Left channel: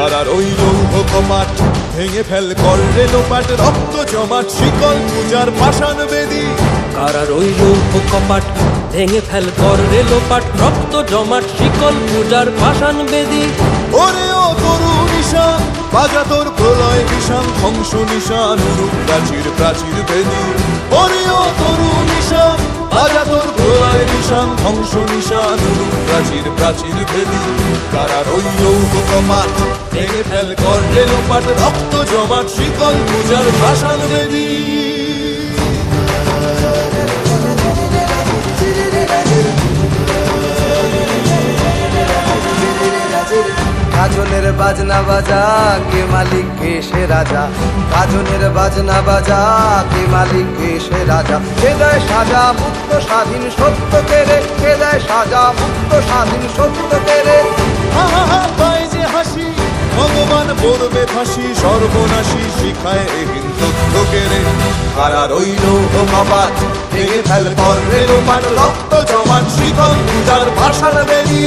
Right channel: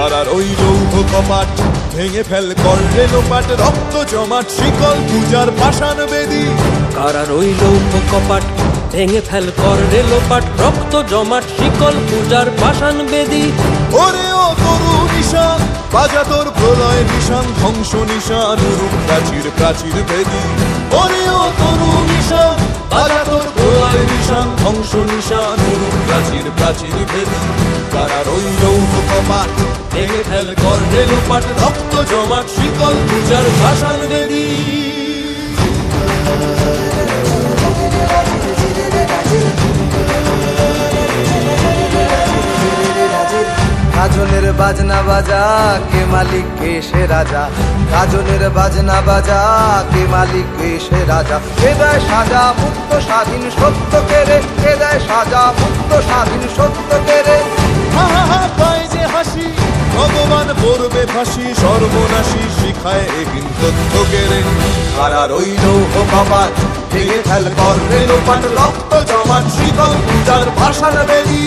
কারার ওই লৌহ কপাট ভেঙে ফেল কর রে লোপাট, রক্ত জমাট শিকল পূজার পাষাণ বেদী। কারার ওই লৌহ কপাট ভেঙে ফেল কর রে লোপাট, রক্ত জমাট শিকল পূজার পাষাণ বেদী। ওরে ও তরু নিশান বাজা তোর প্রলয় বিষান, ধ্বংস নিশান উরুপ প্রাচীর প্রাচীর ভেদী। ওরে ও তরু নিশান বাজা তোর প্রলয় নিশান, ধ্বংস নিশান উরুপ প্রাচীর প্রাচীর ভেদী। কারার ওই লৌহ কপাট ভেঙে ফেল কর রে লোপাট, রক্ত জমাট শিকল পূজার পাষাণ বেদী। গাজনের বাজনা বাজা কে মালিক কে সে রাজা, গাজনের বাজনা বাজা কে মালিক কে সে রাজা। কে দেয় সাজা মুক্ত স্বাধীন সত্য কে রে, কে দেয় সাজা মুক্ত স্বাধীন সত্য কে রে। হা হা হা পায় যে হাসি ভগবান পড়বে ফাঁসি, সর্বনাশী শিখায় এহীন তথ্য কেড়ে। কারার ওই লৌহ কপাট ভেঙে ফেল কর রে লোপাট, রক্ত জমাট শিকল পূজার পাষাণ বেদী।